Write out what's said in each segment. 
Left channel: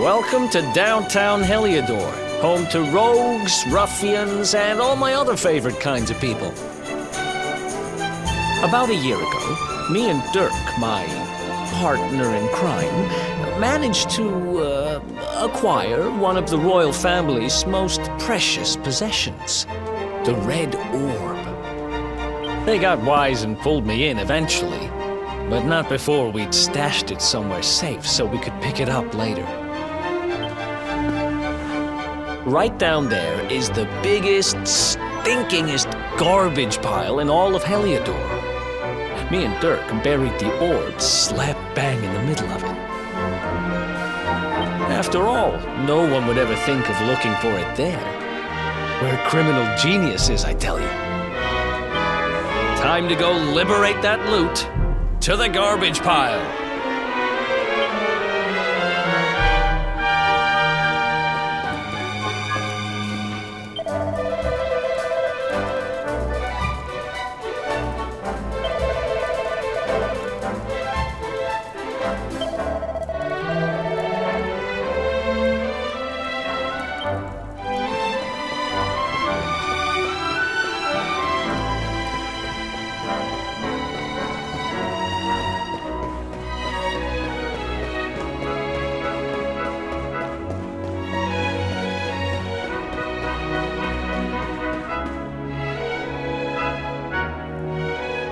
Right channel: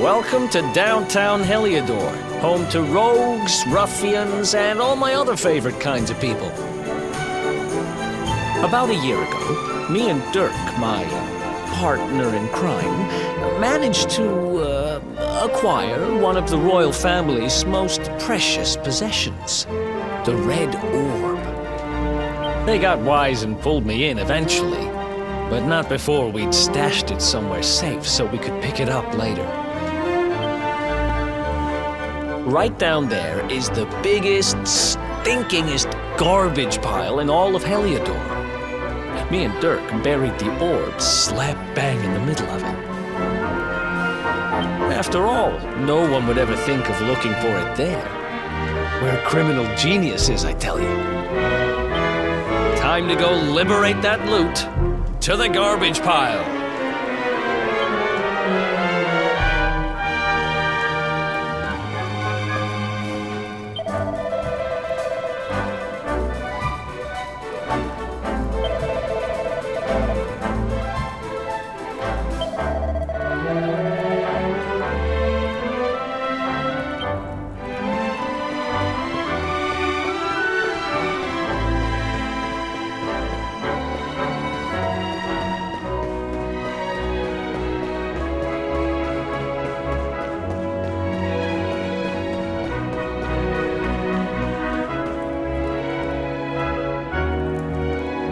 Welcome to downtown Heliodor, home to rogues, ruffians, and all my other favorite kinds of people. About a year ago, me and Derk, my partner in crime, managed to acquire one of the royal family's most precious possessions, the Red Orb. They got wise and pulled me in eventually, but not before we'd stashed it somewhere safe so we could pick it up later. Right down there is the biggest, stinkingest garbage pile in all of Heliodor. Me and Derk buried the orb slap bang in the middle of it. After all, no one would ever think of looking for it there. We're criminal geniuses, I tell you. Time to go liberate that loot to the garbage pile.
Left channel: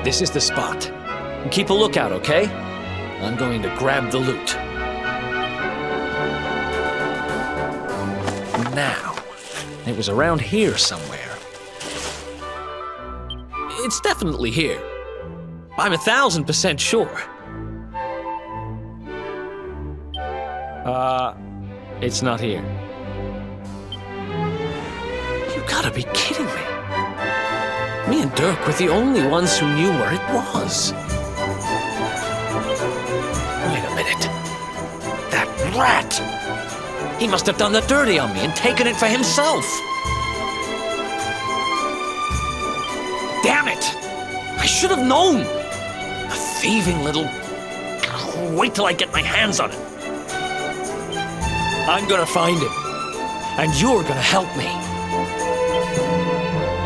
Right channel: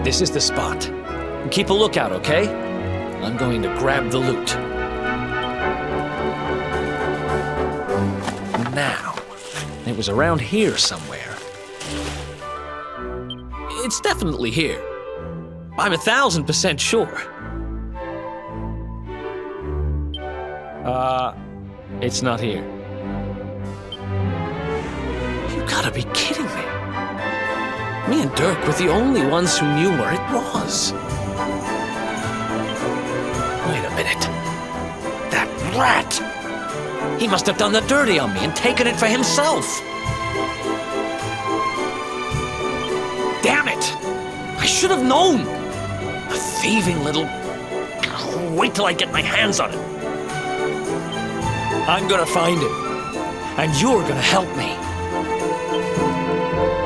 This is the spot. Keep a lookout, okay? I'm going to grab the loot. Now, it was around here somewhere. It's definitely here. I'm 1,000% sure. It's not here. You gotta be kidding me. Me and Derk were the only ones who knew where it was. Wait a minute. That rat! He must have done the dirty on me and taken it for himself. Damn it! I should have known! A thieving little... Wait till I get my hands on it. I'm gonna find him. And you're gonna help me.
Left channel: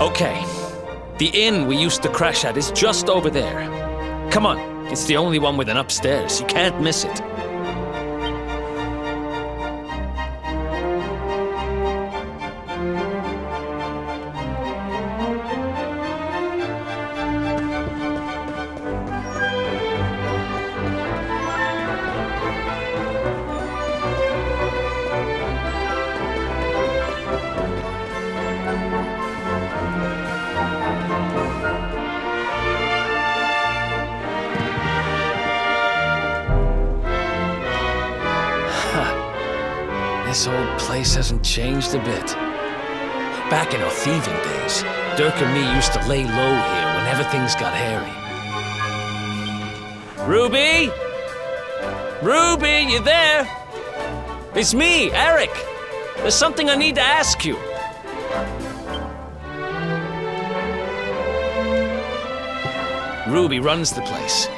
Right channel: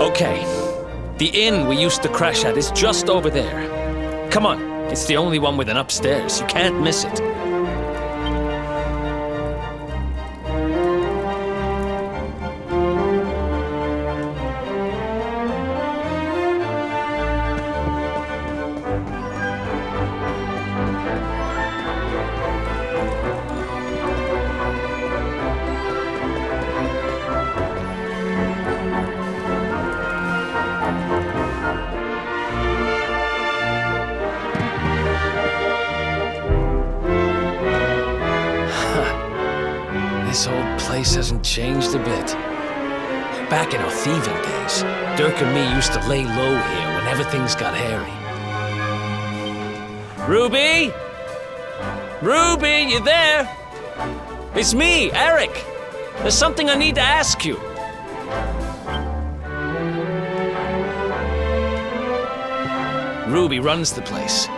Okay. The inn we used to crash at is just over there. Come on, it's the only one with an upstairs. You can't miss it. This old place hasn't changed a bit. Back in our thieving days, Derk and me used to lay low here whenever things got hairy. Ruby? Ruby, you there? It's me, Eric. There's something I need to ask you. Ruby runs the place.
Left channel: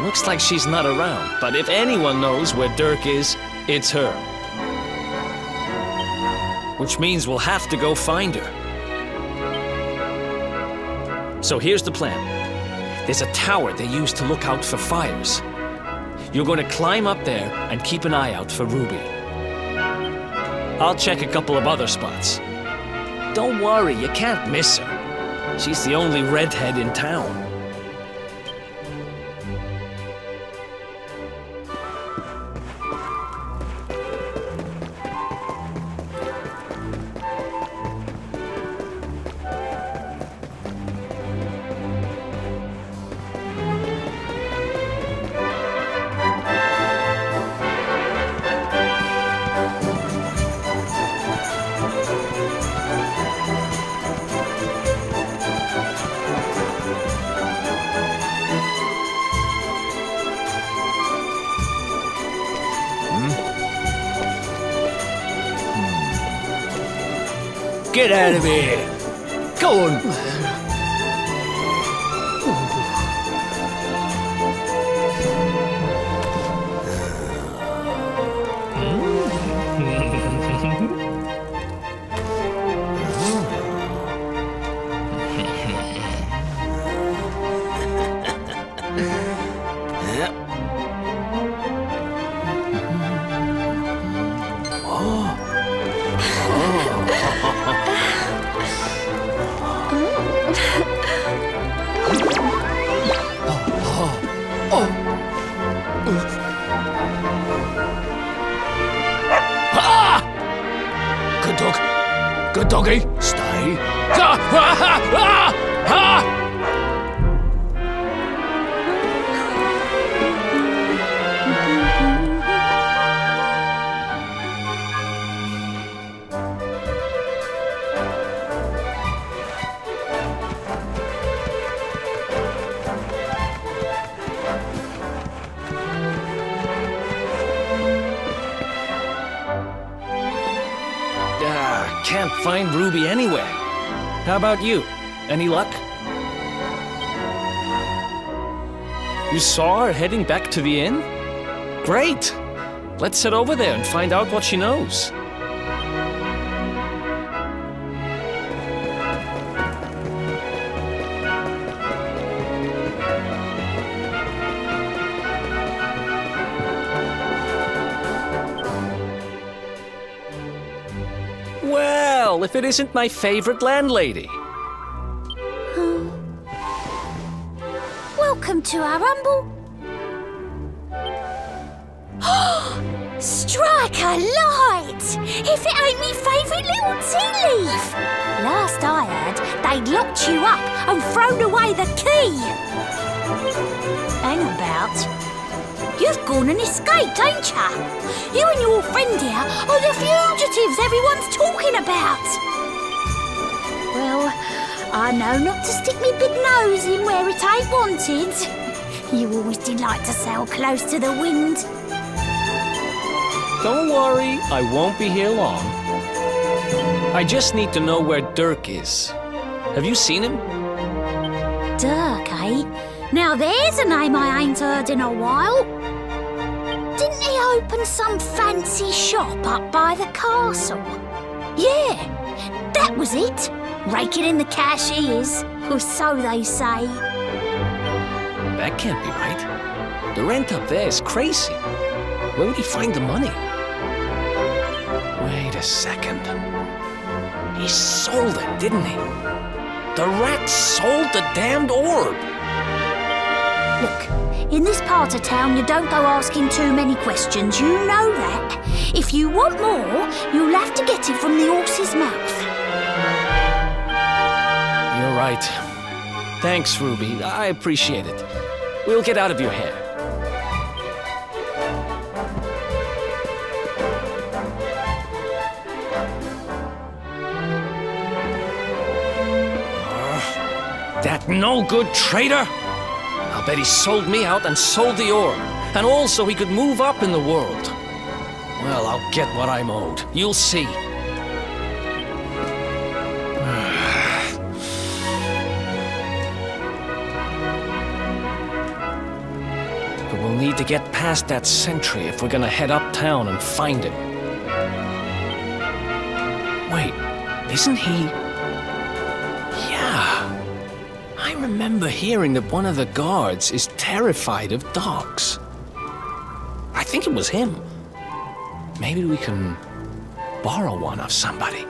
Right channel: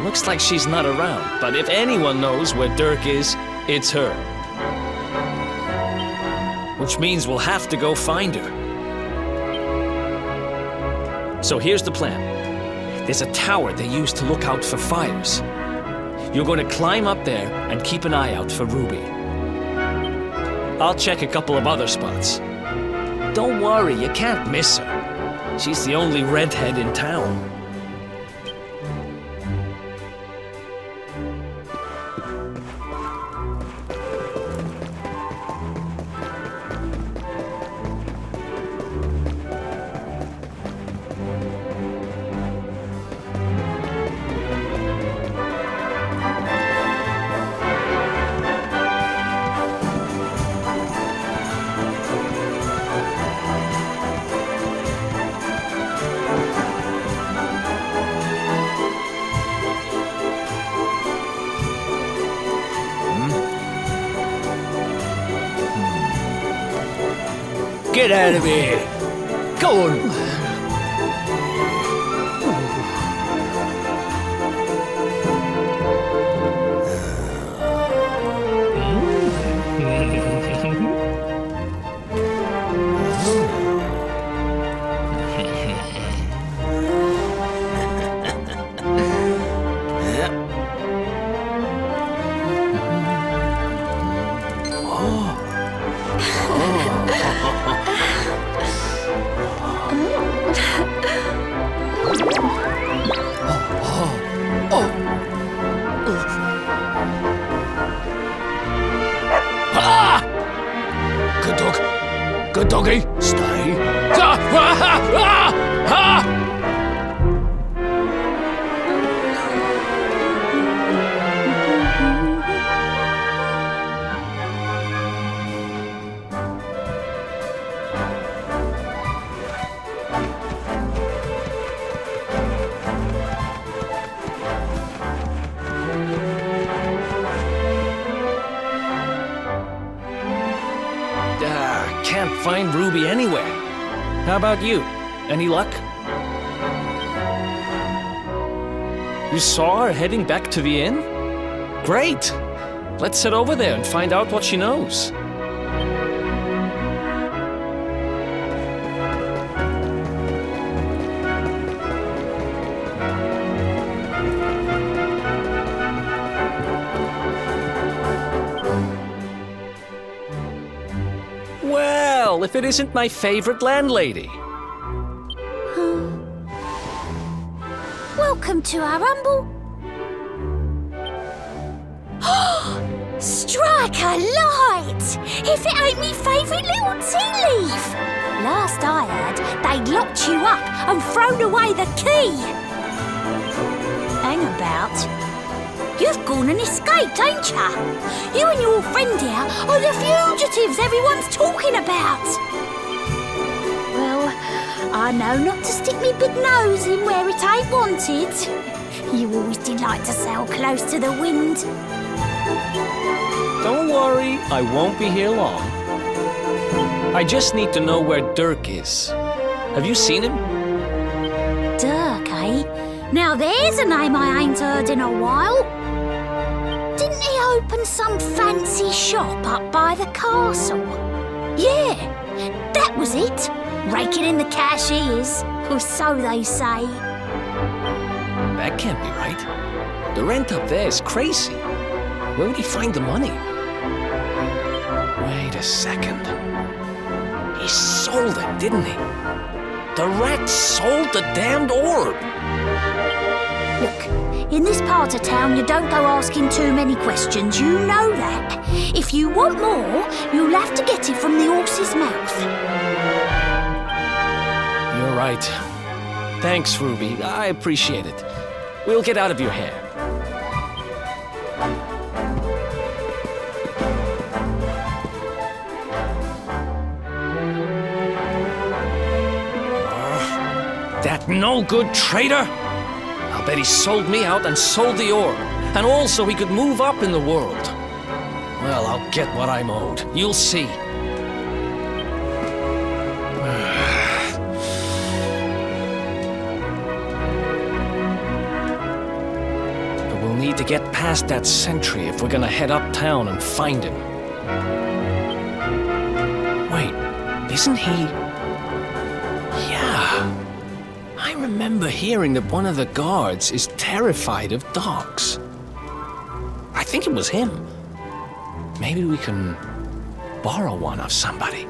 Looks like she's not around, but if anyone knows where Derk is, it's her. Which means we'll have to go find her. So here's the plan. There's a tower they use to look out for fires. You're going to climb up there and keep an eye out for Ruby. I'll check a couple of other spots. Don't worry, you can't miss her. She's the only redhead in town. Get out of here! Go on! dog. Good doggy. Stay. Ah! Ah! Ah! Ah! Can't find Ruby anywhere. How about you? Any luck? You saw her heading back to the inn? Great! Let's head over there and find out what she knows. Well, if it isn't my favorite landlady. Welcome to our humble... Strike a light! If it ain't me favourite little tea leaf! Last I heard, they'd locked you up and thrown away the key! Hang about. You've gone and escaped, ain't ya? You and your friend here are the fugitives everyone's talking about! Well, I know not to stick me big nose in where it ain't wanted. You always did like to sail close to the wind. Don't worry, I won't be here long. I just need to know where Derk is. Have you seen him? Derk, eh? Now there's a name I ain't heard in a while. Didn't he open some fancy shop up by the castle? Yeah, that was it. Raking in the cash he is, or so they say. That can't be right. The rent up there is crazy. Where would he find the money? Wait a second. He sold it, didn't he? The rat sold the damned orb. Look, in this part of town you don't go asking too many questions, you know that. If you want more, you'll have to get it from the horse's mouth. You're right. Thanks, Ruby. I appreciate it. We'll get out of your hair. That no-good traitor! I'll bet he sold me out and sold the orb, and also he could move up in the world. Well, I'll get what I'm owed. You'll see. But we'll need to get past that sentry if we're gonna head uptown and find him. Wait, isn't he... Yeah. I remember hearing that one of the guards is terrified of dogs. I think it was him. Maybe we can borrow one of somebody.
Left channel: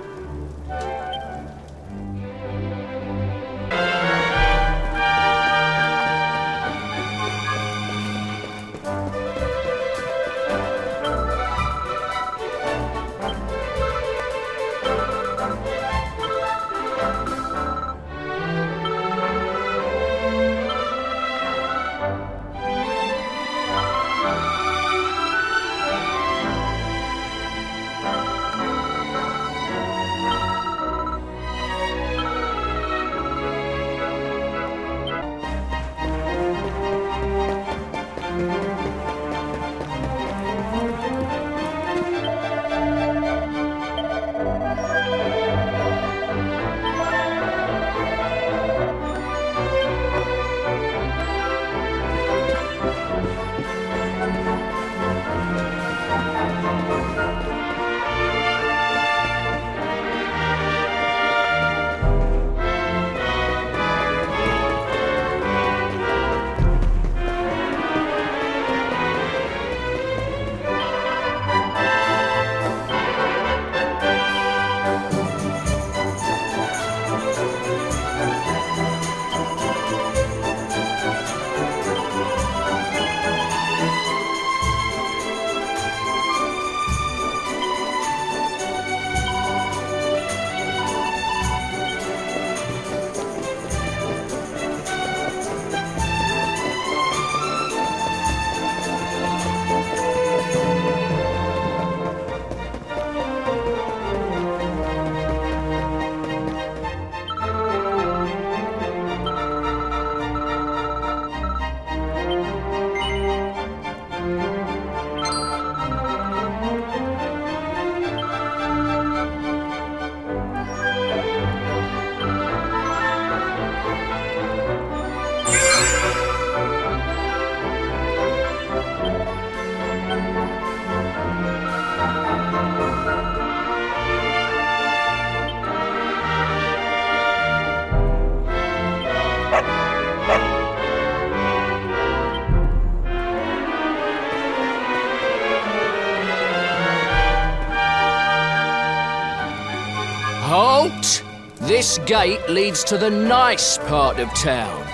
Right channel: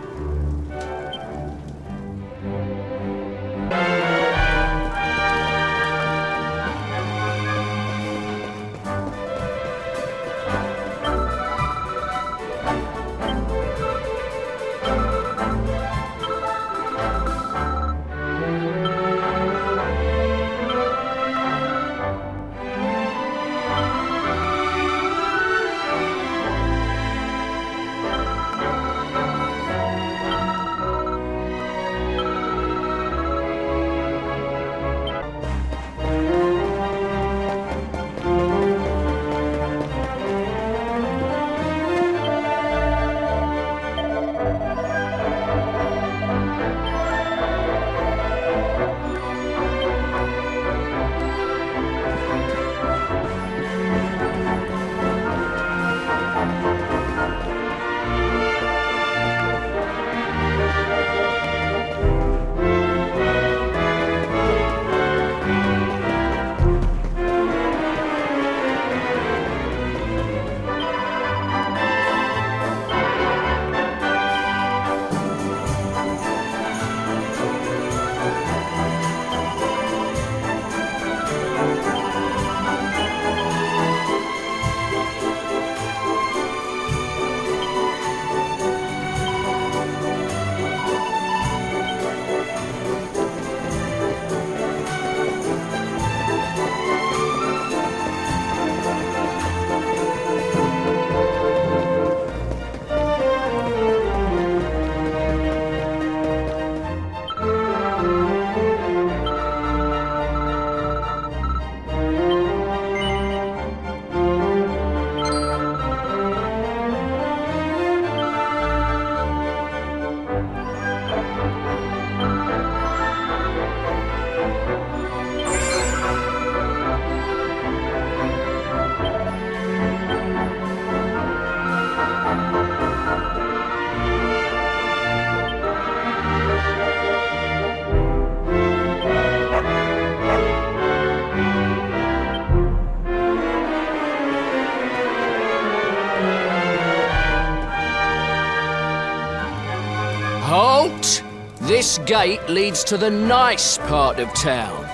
Halt! This gate leads to the nice part of town.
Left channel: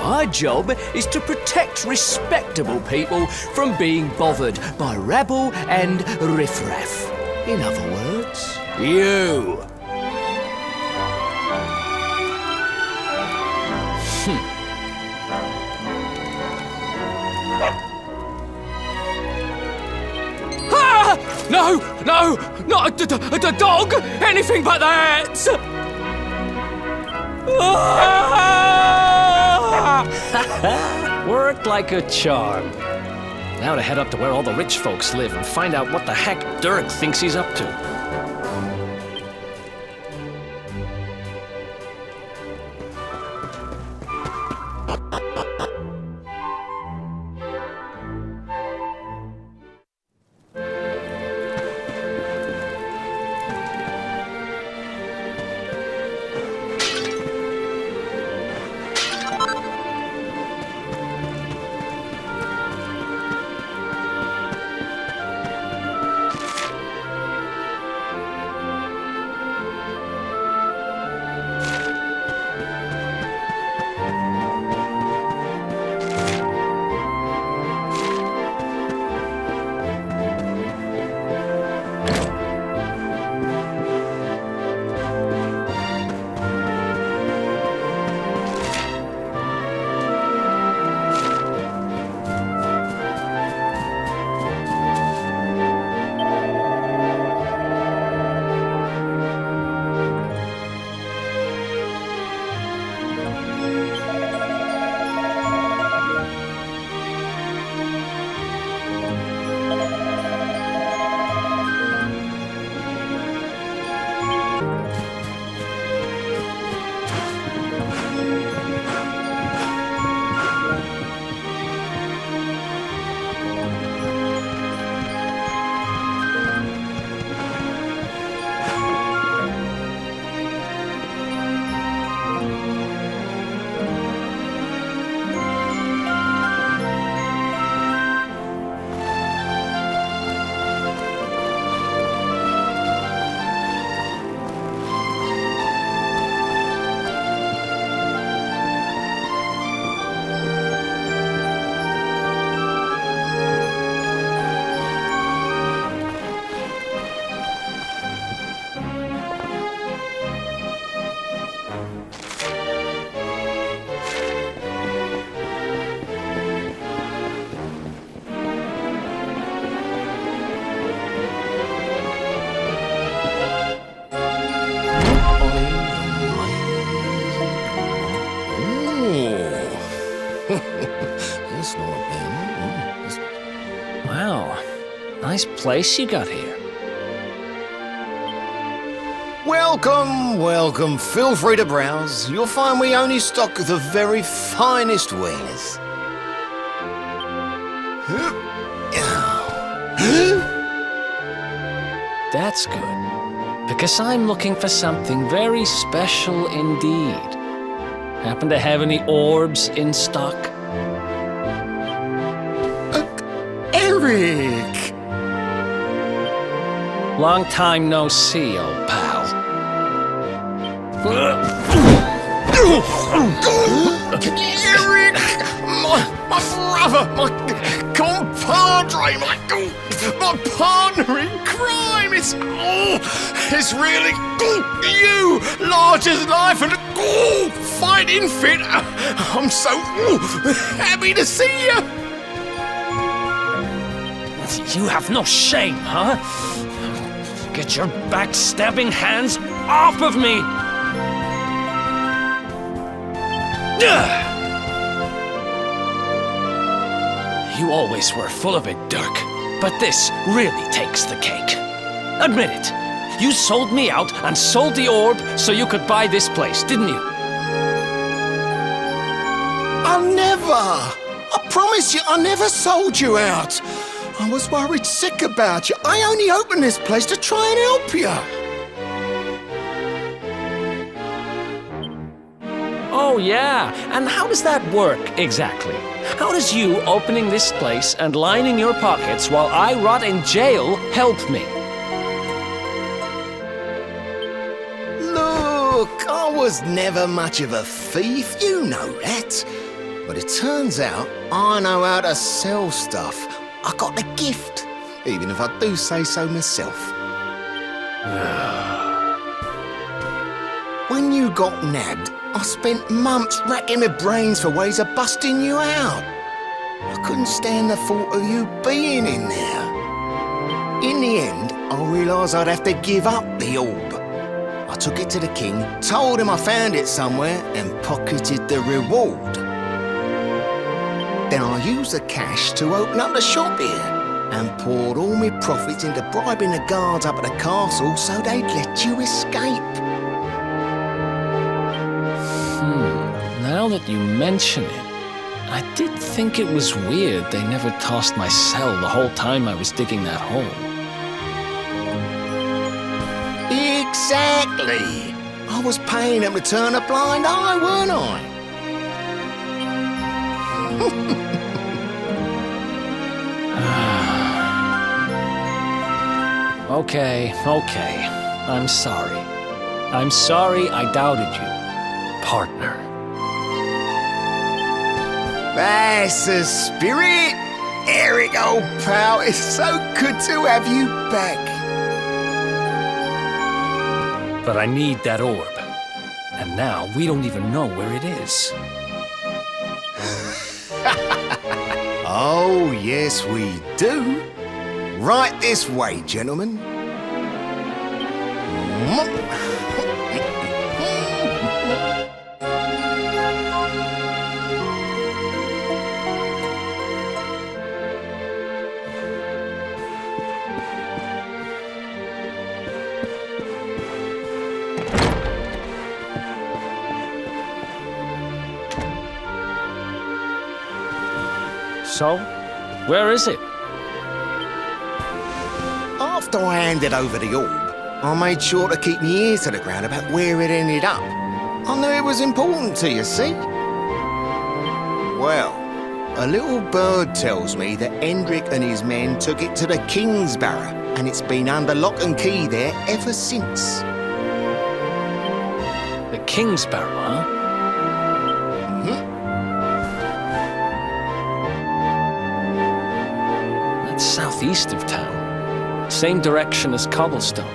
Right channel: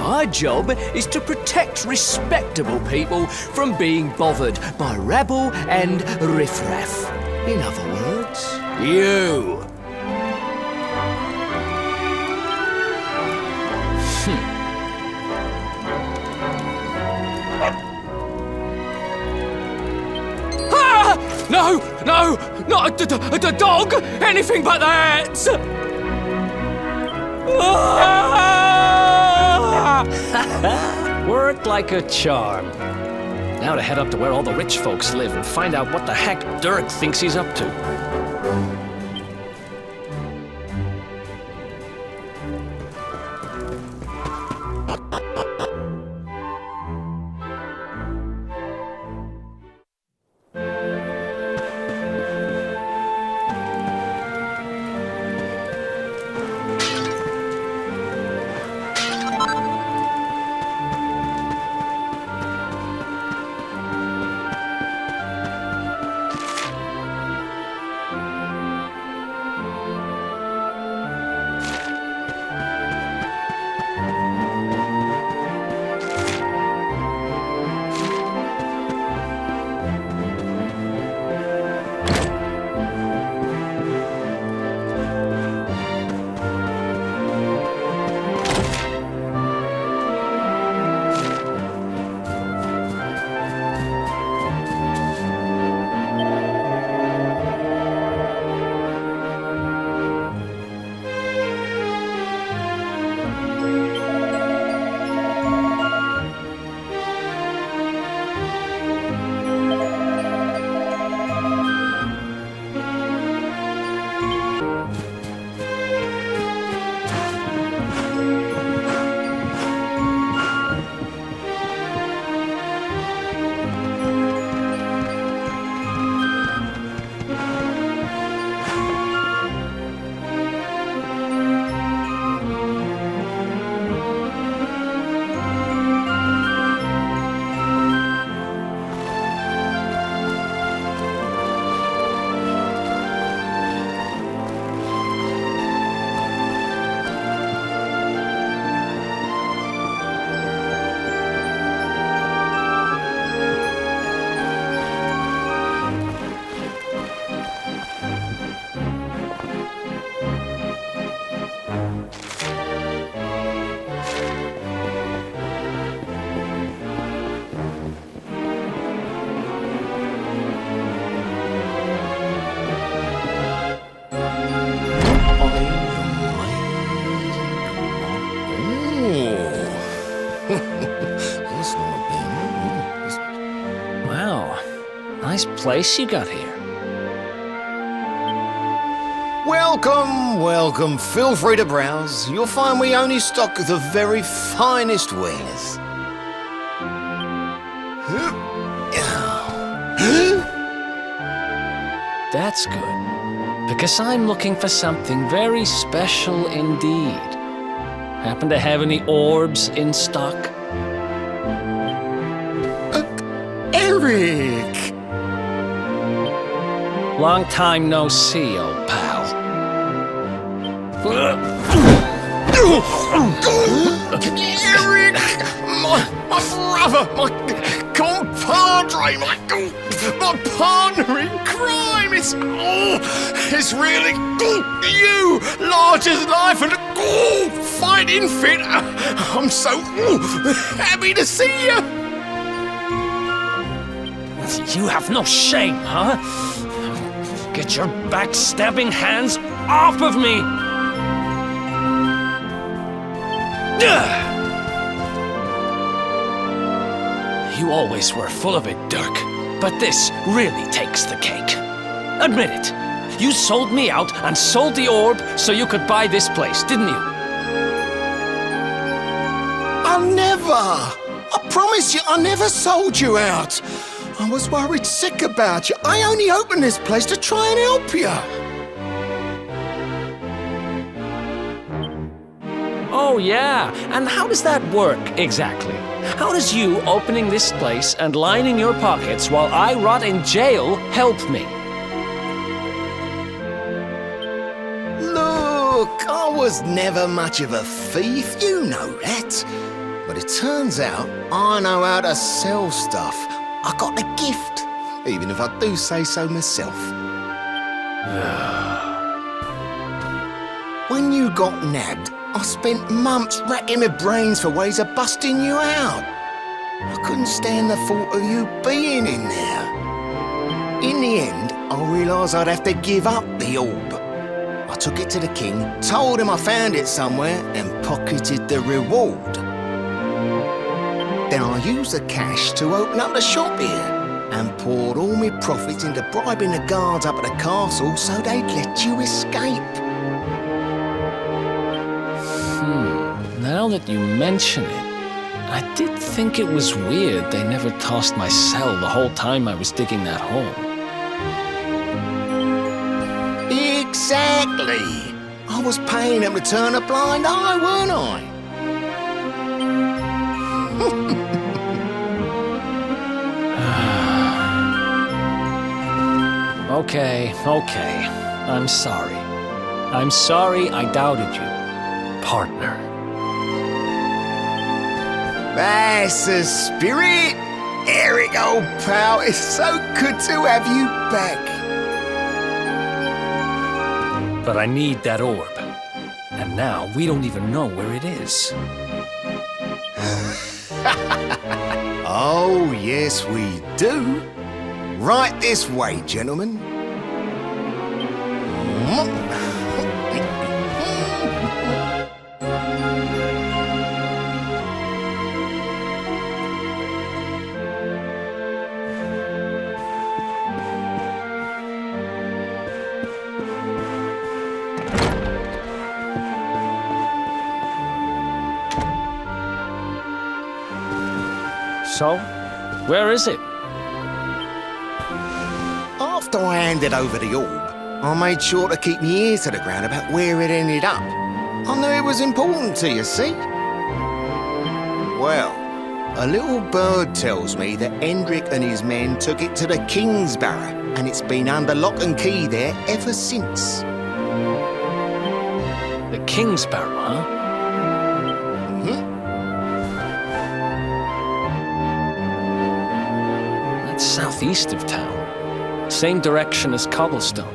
My job is to protect respectable people from being bothered by rabble and riffraff. In other words, you. Ah! No, not a dog! Anything but that! Worked like a charm. Now to head up to where all the rich folks live and find out what the heck Derk thinks he's up to. Wow, nice place you got here. Welcome, welcome. Feel free to browse. You'll find we only stock the very finest wares. That's good, because I'm looking for something very special indeed. Happen to have any orbs in stock? Eric! Long time no see, old pal. Eric! My brother! My compadre! My partner in crime! It's really you! Large as life and fighting fit! I'm so happy to see you! You have no shame, huh? Get your backstabbing hands off of me! You always were full of it, Derk. But this really takes the cake. Admit it. You sold me out and sold the orb so you could buy this place, didn't you? I never! I promise you, I never sold you out. I was worried sick about you. I only opened this place to try and help you. Oh, yeah. And how does that work, exactly? How does you opening this place and lining your pockets while I rot in jail help me? Look, I was never much of a thief, you know that. But it turns out I know how to sell stuff. I got the gift, even if I do say so myself. When you got nabbed, I spent months racking my brains for ways of busting you out. I couldn't stand the thought of you being in there. In the end, I realised I'd have to give up the orb. I took it to the king, told him I found it somewhere, and pocketed the reward. Then I used the cash to open up the shop here, and poured all my profits into bribing the guards up at the castle so they'd let you escape. Now that you mention it, I did think it was weird they never tossed my cell the whole time I was digging that hole. Exactly! I was paying them to turn a blind eye, weren't I? Okay. I'm sorry. I'm sorry I doubted you, partner. That's the spirit! Eric, old pal, it's so good to have you back. But I need that orb. And now we don't even know where it is. Oh, yes, we do. Right this way, gentlemen. So, where is it? After I handed over the orb, I made sure to keep my ears to the ground about where it ended up. I knew it was important to you, see? Well, a little bird tells me that Hendrik and his men took it to the King's Barrow, and it's been under lock and key there ever since. The King's Barrow, huh? That's southeast of town. Same direction as Cobblestone.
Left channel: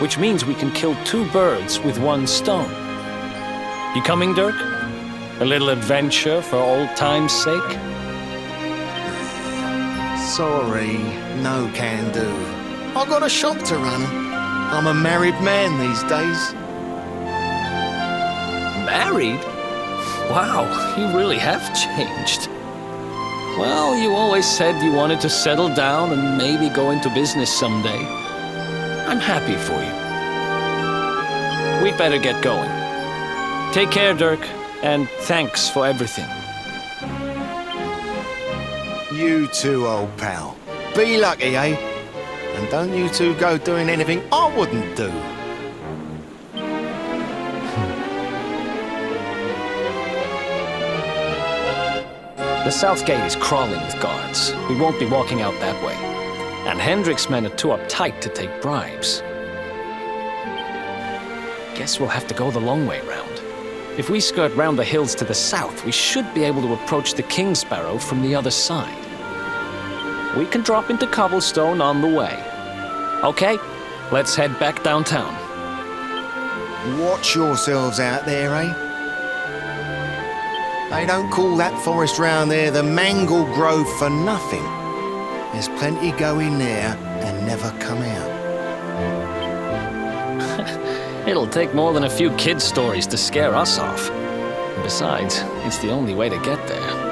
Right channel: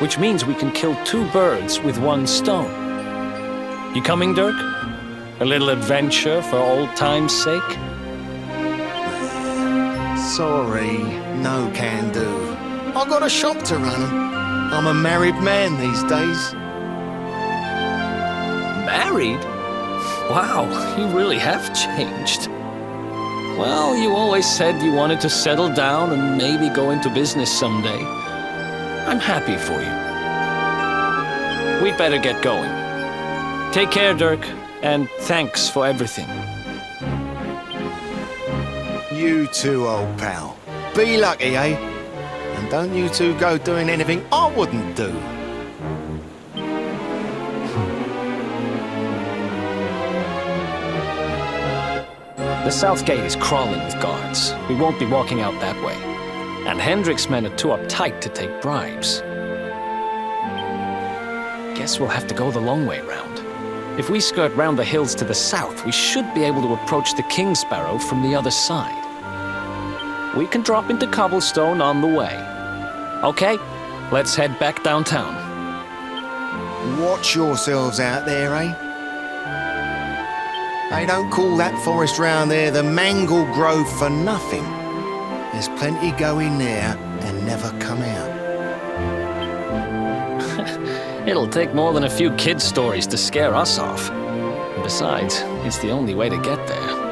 Which means we can kill two birds with one stone. You coming, Derk? A little adventure for old time's sake? Sorry, no can do. I got a shop to run. I'm a married man these days. Married? Wow, you really have changed. Well, you always said you wanted to settle down and maybe go into business someday. I'm happy for you. We'd better get going. Take care, Derk, and thanks for everything. You too, old pal. Be lucky, eh? And don't you two go doing anything I wouldn't do. The south gate is crawling with guards. We won't be walking out that way. And Hendrik's men are too uptight to take bribes. Guess we'll have to go the long way round. If we skirt round the hills to the south, we should be able to approach the King's Barrow from the other side. We can drop into Cobblestone on the way. Okay, let's head back downtown. Watch yourselves out there, eh? They don't call that forest round there the Mangle Grove for nothing. There's plenty go in there and never come out. It'll take more than a few kid stories to scare us off. Besides, it's the only way to get there.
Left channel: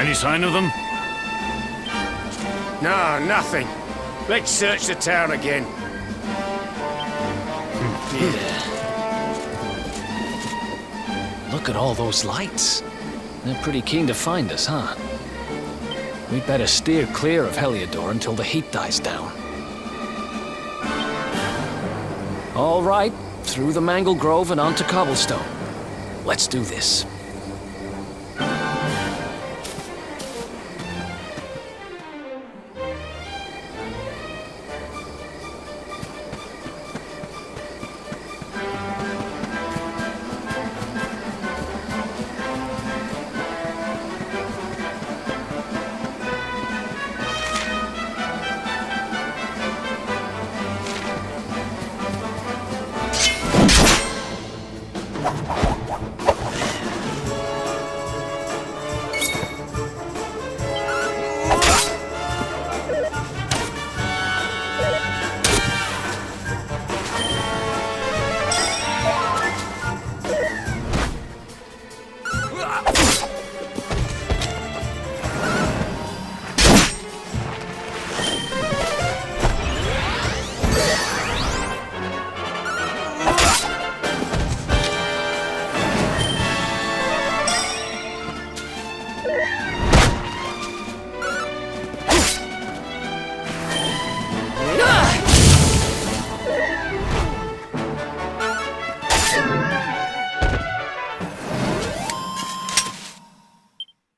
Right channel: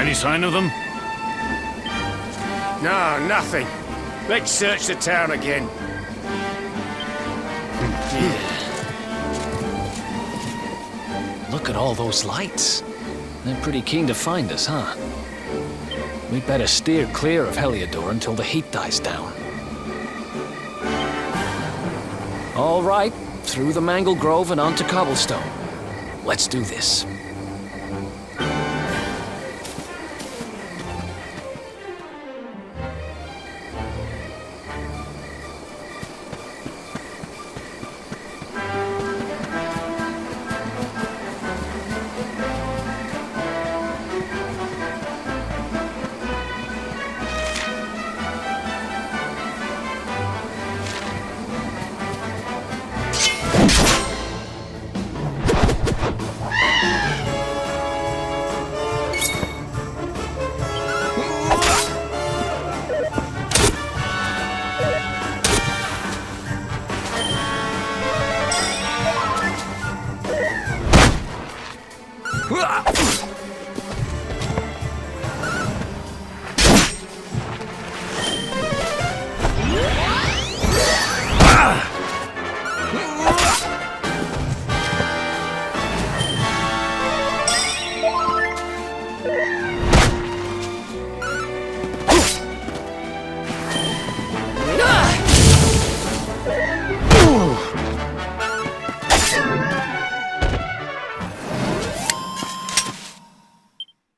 Any sign of them? No, nothing. Let's search the town again. Look at all those lights. They're pretty keen to find us, huh? We'd better steer clear of Heliodor until the heat dies down. All right, through the Mangle Grove and onto Cobblestone. Let's do this.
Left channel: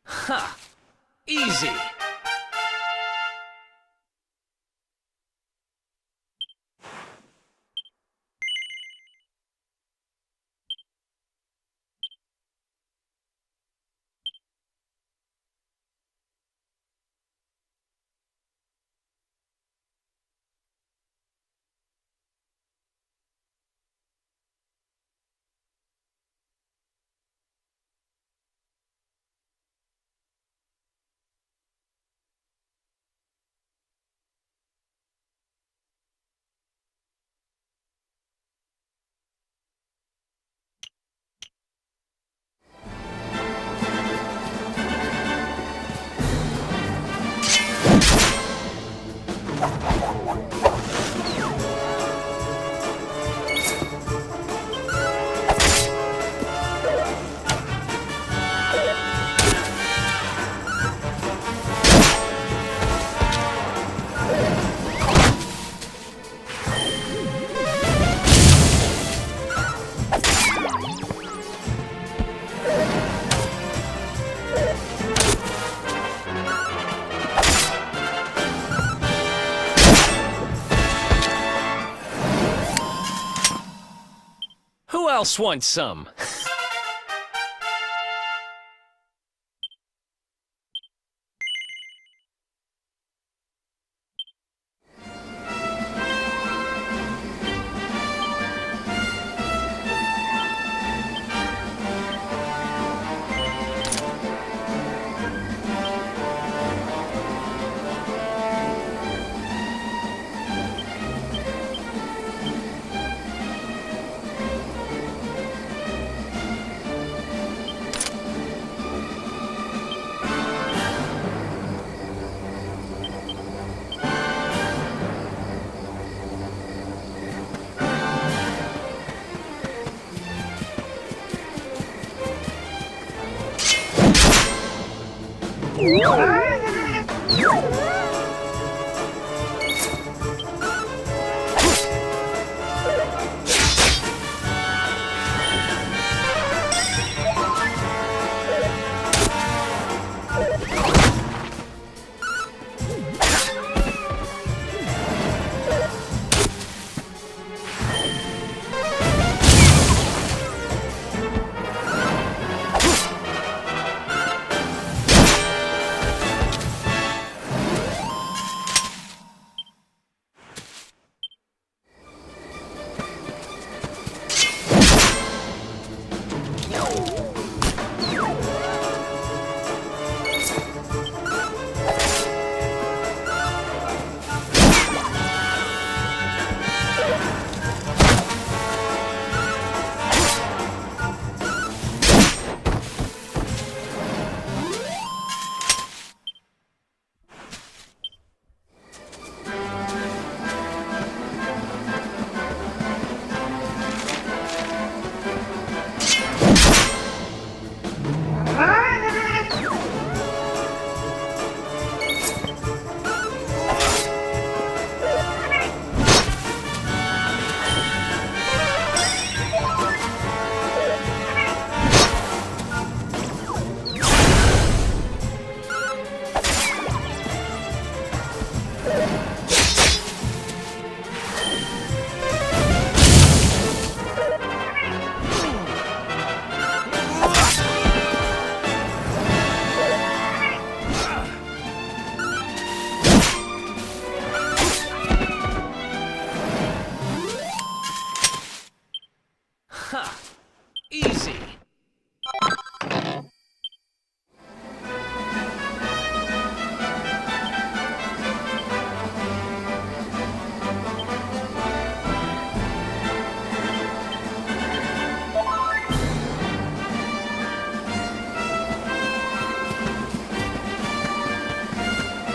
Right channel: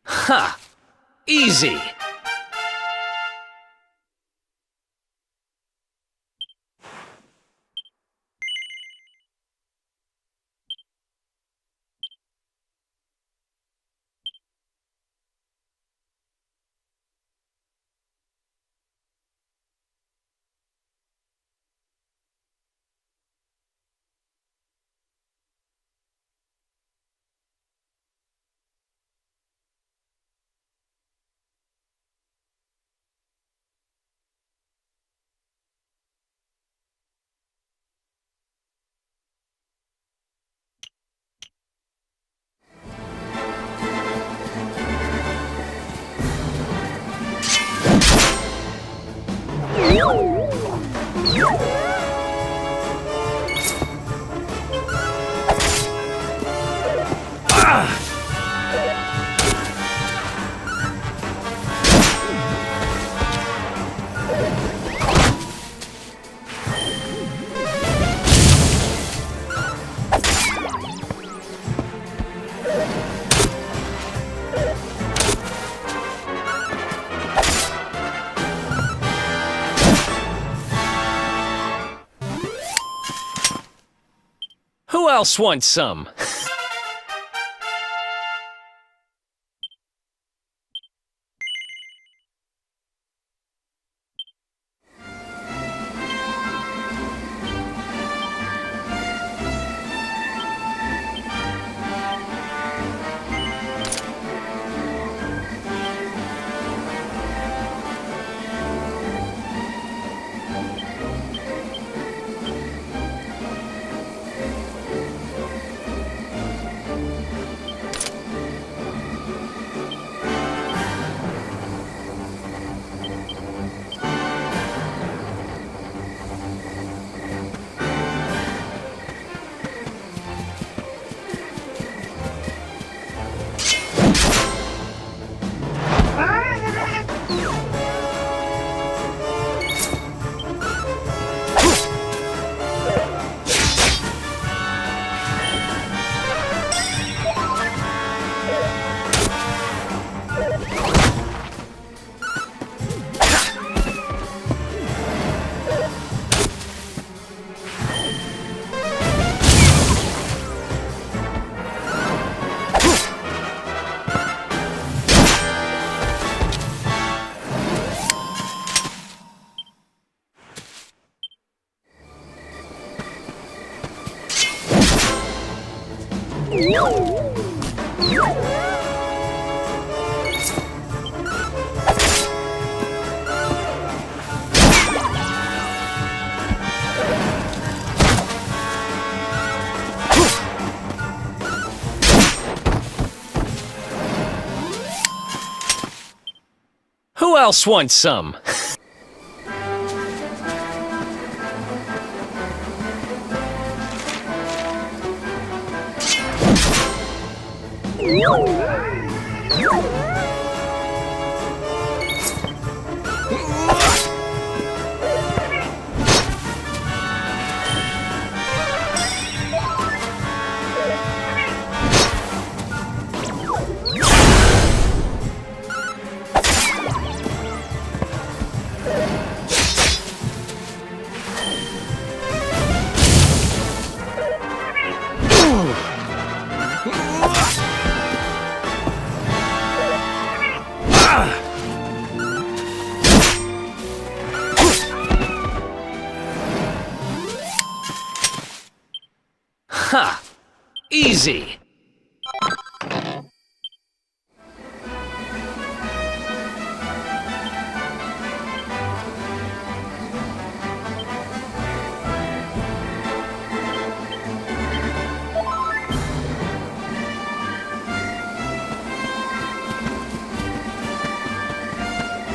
Ha! Easy! Who else wants some? Who else wants some? Ha! Easy.